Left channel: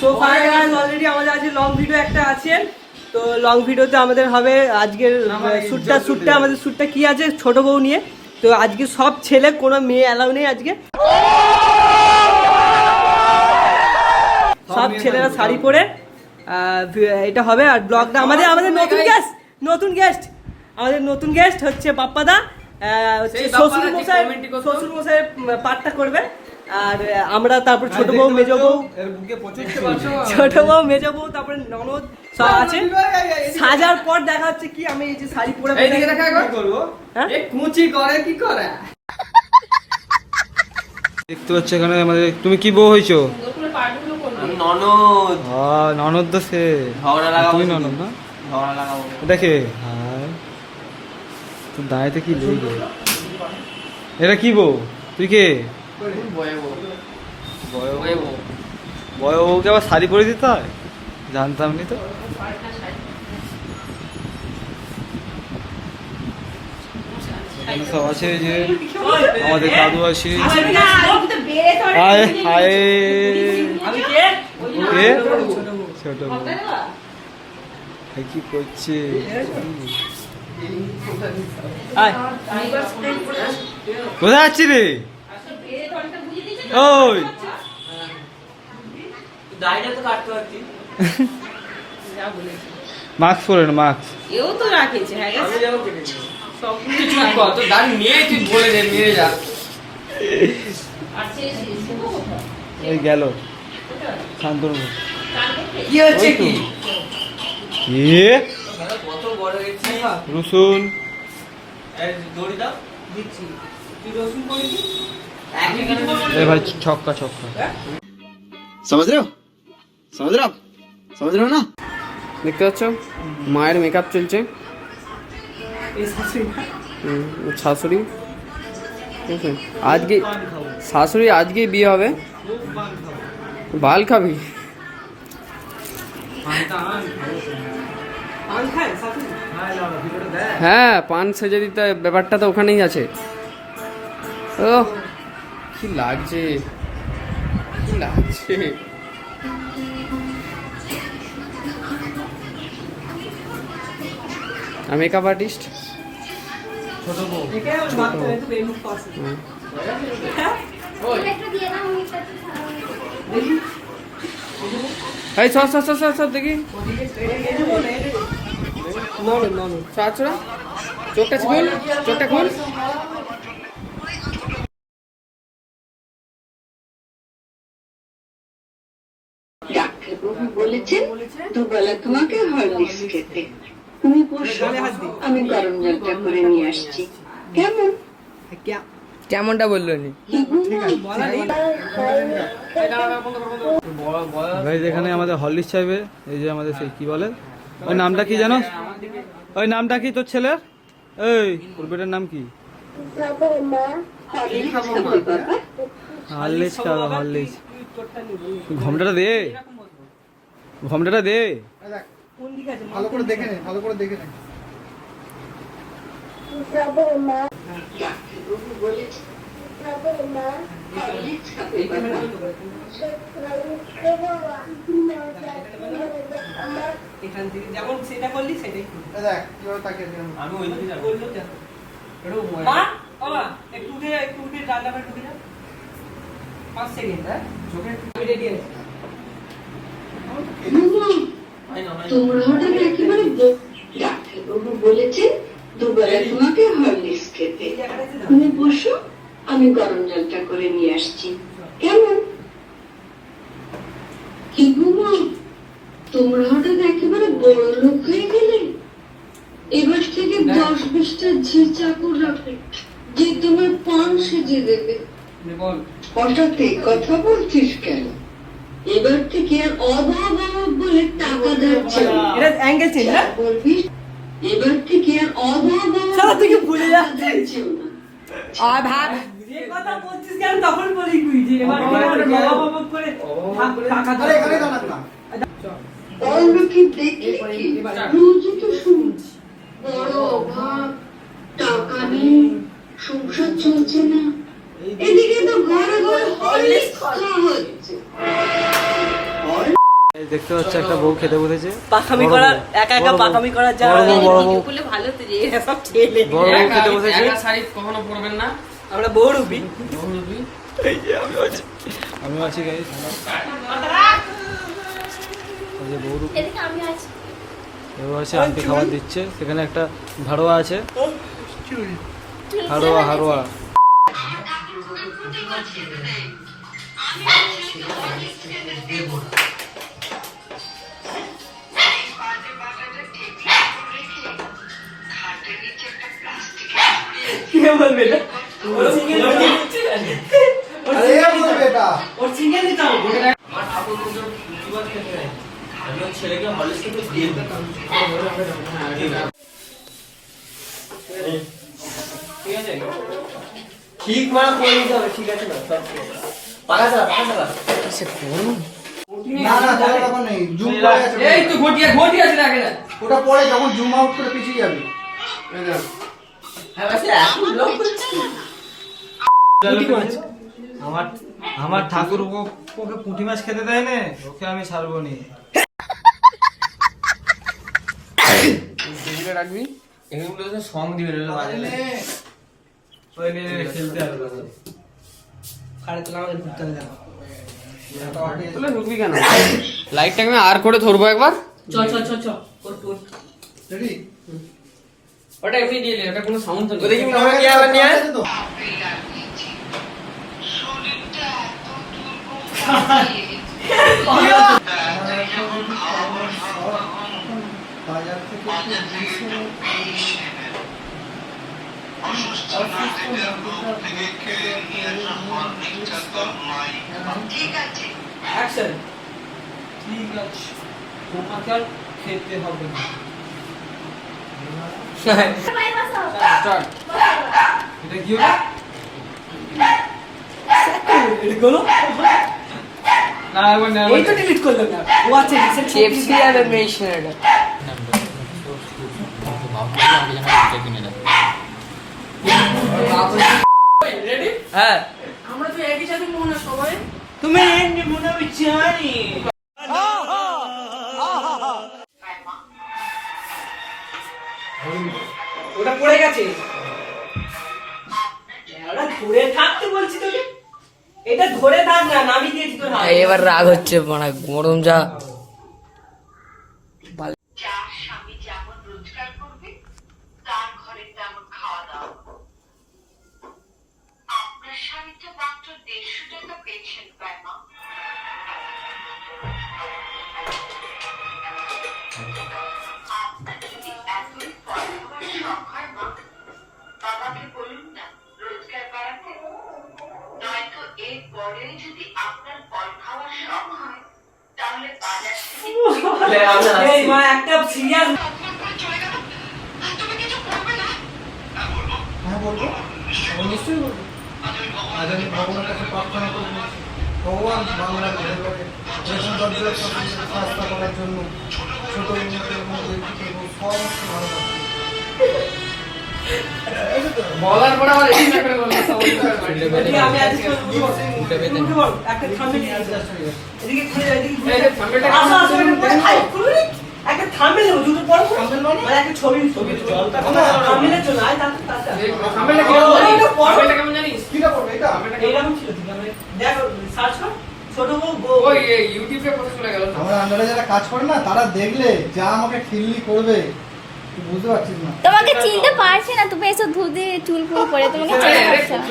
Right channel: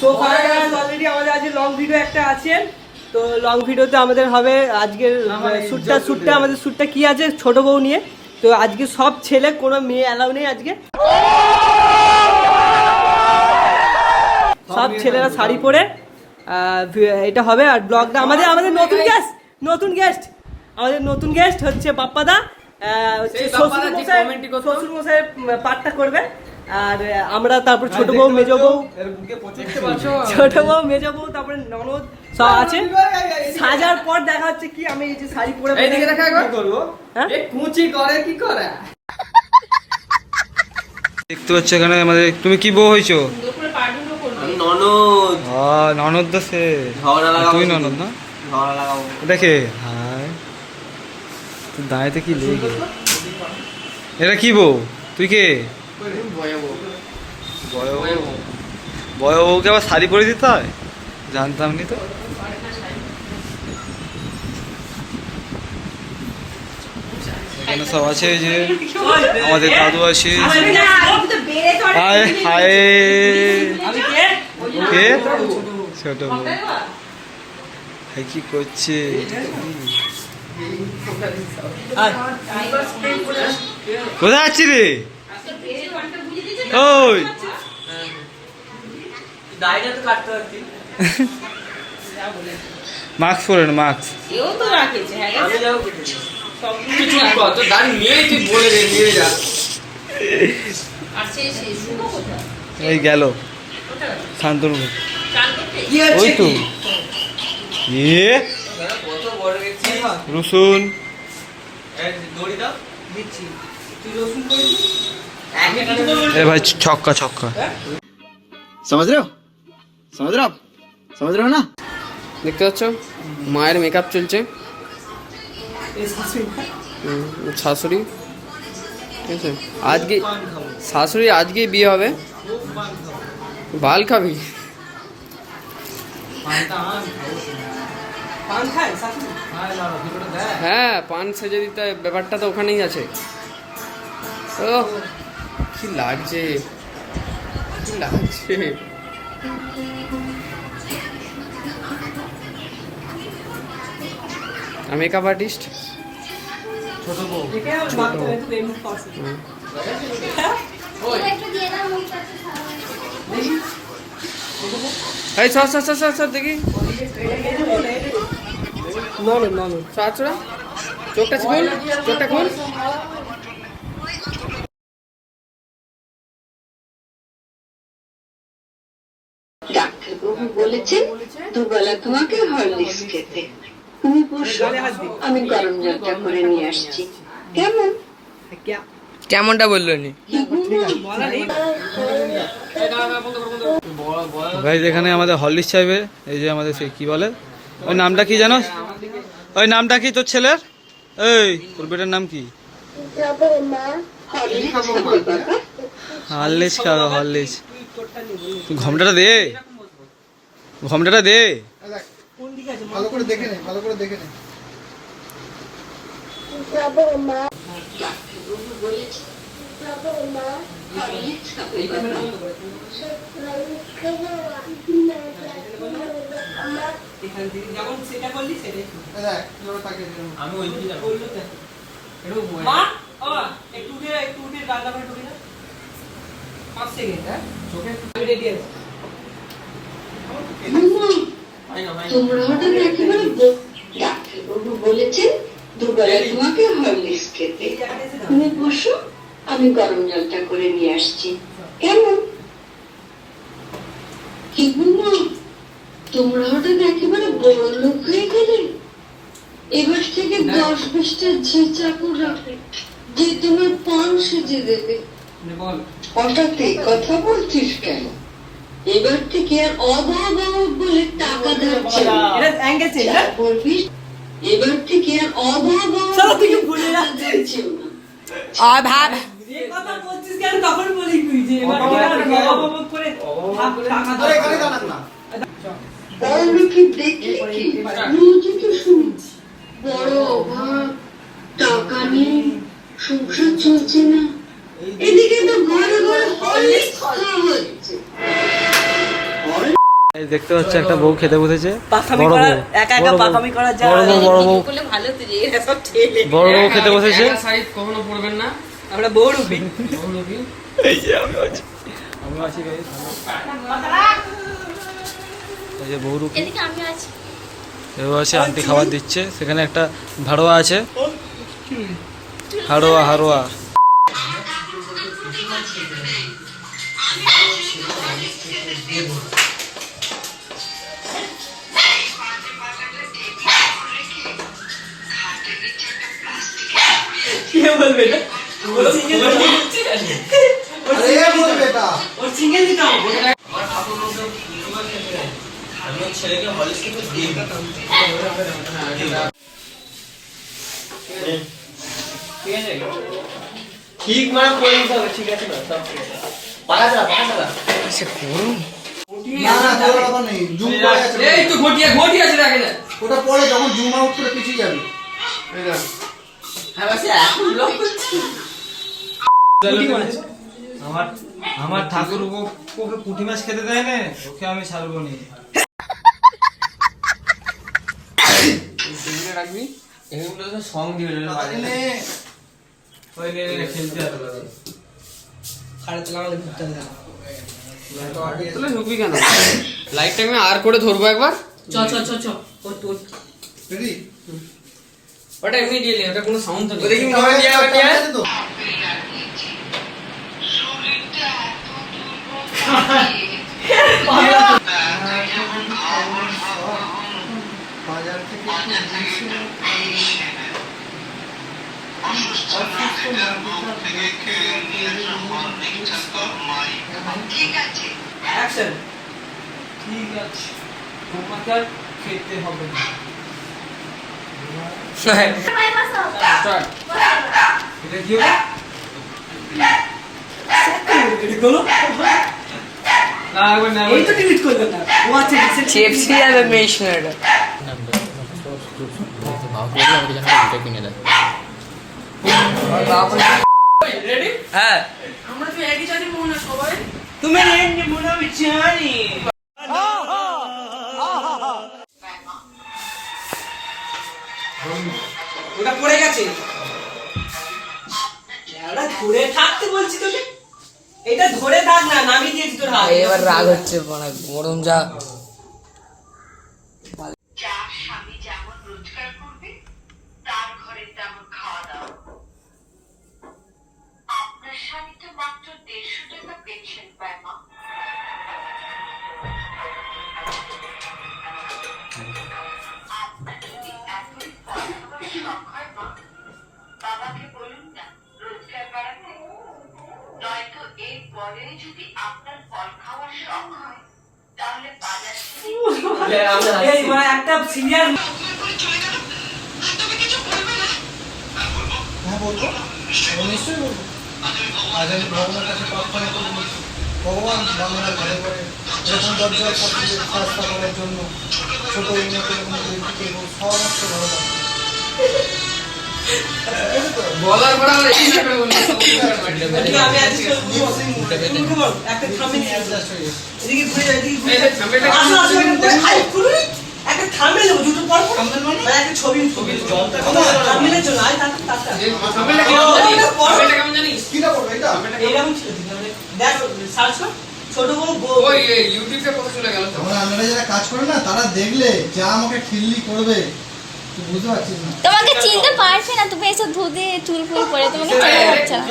তো guys already আমাদের আজকে লং ভিডিও একটা আছে। তো লং ভিডিওতে আমাদের হবে আজকের শ্যুটটা আমাদের শ্যুটটা কি আছে ছোট বউ নিয়ে। তো আজকে সব ছেলে, কোনো মেয়ে অ্যালাউ নেই আজকে। সব ছেলেরা শাড়ি পরে এটা হবে। আর ব্লগটা আমাদের নতুন গেস্ট হচ্ছে বাপ্পাদা, হচ্ছে শ্বশুর মশাই পাঠটা করবে। আর আমরা তারপর ছোট বউ মেজ বউ তারপরে ননদ সব আছে। সাজার পর দেখা হচ্ছে কি আমি এই যে শাড়ি পরে দেখতে পাচ্ছ এখানে আমাদের। তুমি কি বউ হয়েছো? ননদ তো সে তুমি ননদ না দেখে। হ্যাঁ দাঁড়াইতে কি লেগে এটা কি বউ? তুই কে? বউকে আবার শাড়ি পরে দিতে হয়? জানতাম নি তো। এখানে সব আছে যে আমাদের দাদু আছে। হায় হায় কে? ছোট বউ কি করছে? কোথায় আছি রে? ওই মাস্ক পরে না, মাস্ক এই গেল শান্তনু। ওই তো রসুন এ ভাই ছক্কা ছক্কা। समझ रहे हो ना? দেখতে পাচ্ছ মায়ের মেকআপ চলছে, শাশুড়ি ঠিক আছে। আজকে শাশুড়ি আজকেই বিয়ে হবে। বাল খাবি? হ্যাঁ পান সেজে দিতে, ব্যাপারটা তো ওখানেই আছে। ও কি লাগছে, কি লাগছে। মেকআপ আর্টিস্ট দেখি চোখটা খুল। ডাক্তারবাবু বলেছেন দুবেলা তোমাকে হরলিক্স খেতে। তুমি বসো, আমি গরম জলটা করে নিয়ে আসছি। কেমনটা বললো নি ভাই? এখানে আমাদের হরলিক্স চাইবে। এই যে আমাদের সেই কি বলে ওই নামটা কি জানো? ওই নামটা কি তোর ছেলের? এই তোর বেটার নাম কি? হরলিক্স খাও, হরলিক্স। ঘমটাটা দে, ঘমটাটা দে। ভালো করে দেখে নে। এখান থেকে যেমন সেটা করলি সেটাই আমি ওই দিকে যাব। মা একটু উঠে গালটা করে ঢুকে যা 5 সেকেন্ড। হ্যাঁ চোখে রেডি আছে। তোমরা হঠাৎ একেবারে ডাক্তারবাবু বলেছেন দুবেলা তোমাকে হরলিক্স খেতে। তুমি বসো, আমি গরম জলটা করে নিয়ে আসছি। কি বুমা, তোমরা হঠাৎ একেবারে বড় লোক হয়ে গেলে। এবার থেকে 10-20টা ঝি চাকর রাখো যে তোমার পান সেজে দেবে। হঠাৎ এই কথা বলছিস কেন? এবার থেকে আর অভাব বলে টাকা দিচ্ছে না। বলবি এবার থেকে আর অভাব ভুলে যাচ্ছিস অভাব কথা বলছিস কেন? তখন বলি তুই যে এবার অভাব করে টাকা ধরে এখানে দাঁড়াত না। আমি কি দেখি কি রোজই তো শুনছি বড় অভাব, টাকা নেই, সংসার চলছে না। এদিকে তো ঘরে ঘরে হরলিক্স খাওয়া হচ্ছে। এই দেখতে পাচ্ছ একটা বউ খেতে বসেছে। পাখামি বড় করা বউ, একা একা বড় বউ, পাখামি করা যায় বড় বউ, বড় বউ, ভালো তো যে এরা সব ছেলে বড় বউ খেতে বসেছে। একা শাড়ি কখনো পরবেন না। আমরা বহুরূপী। বহুরূপী। আমি আছি গাইস। এই যে বহুরূপী। এদিকে আমি আছি এও আছে, আন্টি খাবার দিচ্ছে। সেখানে একটা ভাড়োয়া আছে। হাড়োয়া হাড়োয়া। কি বলবে না? ওর সিঙ্গেল ওর সিঙ্গেল দিতে হবে। ঠিক মানে করে নিতে হবে, ঠিক আছে না? সব ঠিক আছে। পাকা না না তোর ব্যাপার নেই, জুম করে আছে। এই তো ঘটি আছে না আগে না। ওটা পরে যখন জুম আউট করে পিছিয়ে যাবে। হ্যাঁ বাস এখন ব্লক করছি। আমার ঠাকুর ওকে পুঁটি মাছ খেতে দেয় না, ওকে আমি ছাড়বো নি। এগুলো রাখবি, এগুলো তো সং দিবে না বাজে। ওই নে খেলতে হবে লাগে। খাড়া তো আমাদের ঘুরতে হবে। তাহলে ঢুকবি কেন? লাইটটা না আর করে ধরবো একবার। চ ওর রেডি? ওটা এমনি দিয়ে নে, ওটা কোনো সাউন্ড তো নেই। দেখি মনে হয় তো। বাজার থেকে অ্যাকশন। ঠিক আছে, তোমাকে আর খেতে হবে না। স্টার্ট। এটা কি হবে? বলো। না একবার না, ওই তো ডিলিট করলেন না। ও আচ্ছা রিসেন্ট কেএফসি আর মেশনার। রেডি? হ্যাঁ আমরা তো একই সাথে মনে সবাই তুমি রেডি মনে হবে জানি। ওটা পড়ে গেছে। ওটা ধরে থাকতে বলছি তোকে। এটা ধরে থাক না, নামিয়ে দিয়েছি তোর হাত। এবার রাগ হচ্ছে মানে গরম যা। যার স্বামী যেমন রোজগার করবে তার ঘরে তেমন খাওয়া দাওয়া। আপনার স্বামী তো মাত্র 150 টাকা পেনশন পায় মা। আপনার যদি এতই ফল খাওয়ার শখ হয় মা, বাবাকে বলুন না রোজগার বাড়াতে। নয়তো এর পরে যদি আপনার ফল খাওয়ার শখ হয় তাহলে বাজার থেকে এই মা একটা সিরিয়াস। হ্যাঁ বলবো, ও নিশ্চয়ই বলবো। আজ আমি ভগবানের কাছে প্রার্থনা করবো, ভগবান বাংলার ঘরে ঘরে এরকম দরজা রাস্তা করার জন্য ছোট উন্নত এবং সমস্ত ভালো থাকবে। বলার পর আমার এই করে বলতে আমি আজকে একটা থামে এদিকে ঘুরে এদিকে ঘুরে আসো আসো একটা থামে দেবো দুটো পর মানে একটা ছবি থামলে চলো আয় তাড়াতাড়ি সামনেটা কি জানিস? সামনেটা কেমন জানিস? কিটা করবে এটা? এইরকম ছিল দেখ সার্চ কর ছোট বউ ওই ইউটিউবে কথা চলে গেল তো। আমরা আন্ডারে যারা কাজ করে না তারা দেখলে যা আমাকে খিল্লি করবে তুই বুঝতে পারছিস না। তোমাকে চিনতে পারছে না, তুমি এসব ধুতে চুল ফুল করে তোমাকে চেনা যাচ্ছে না।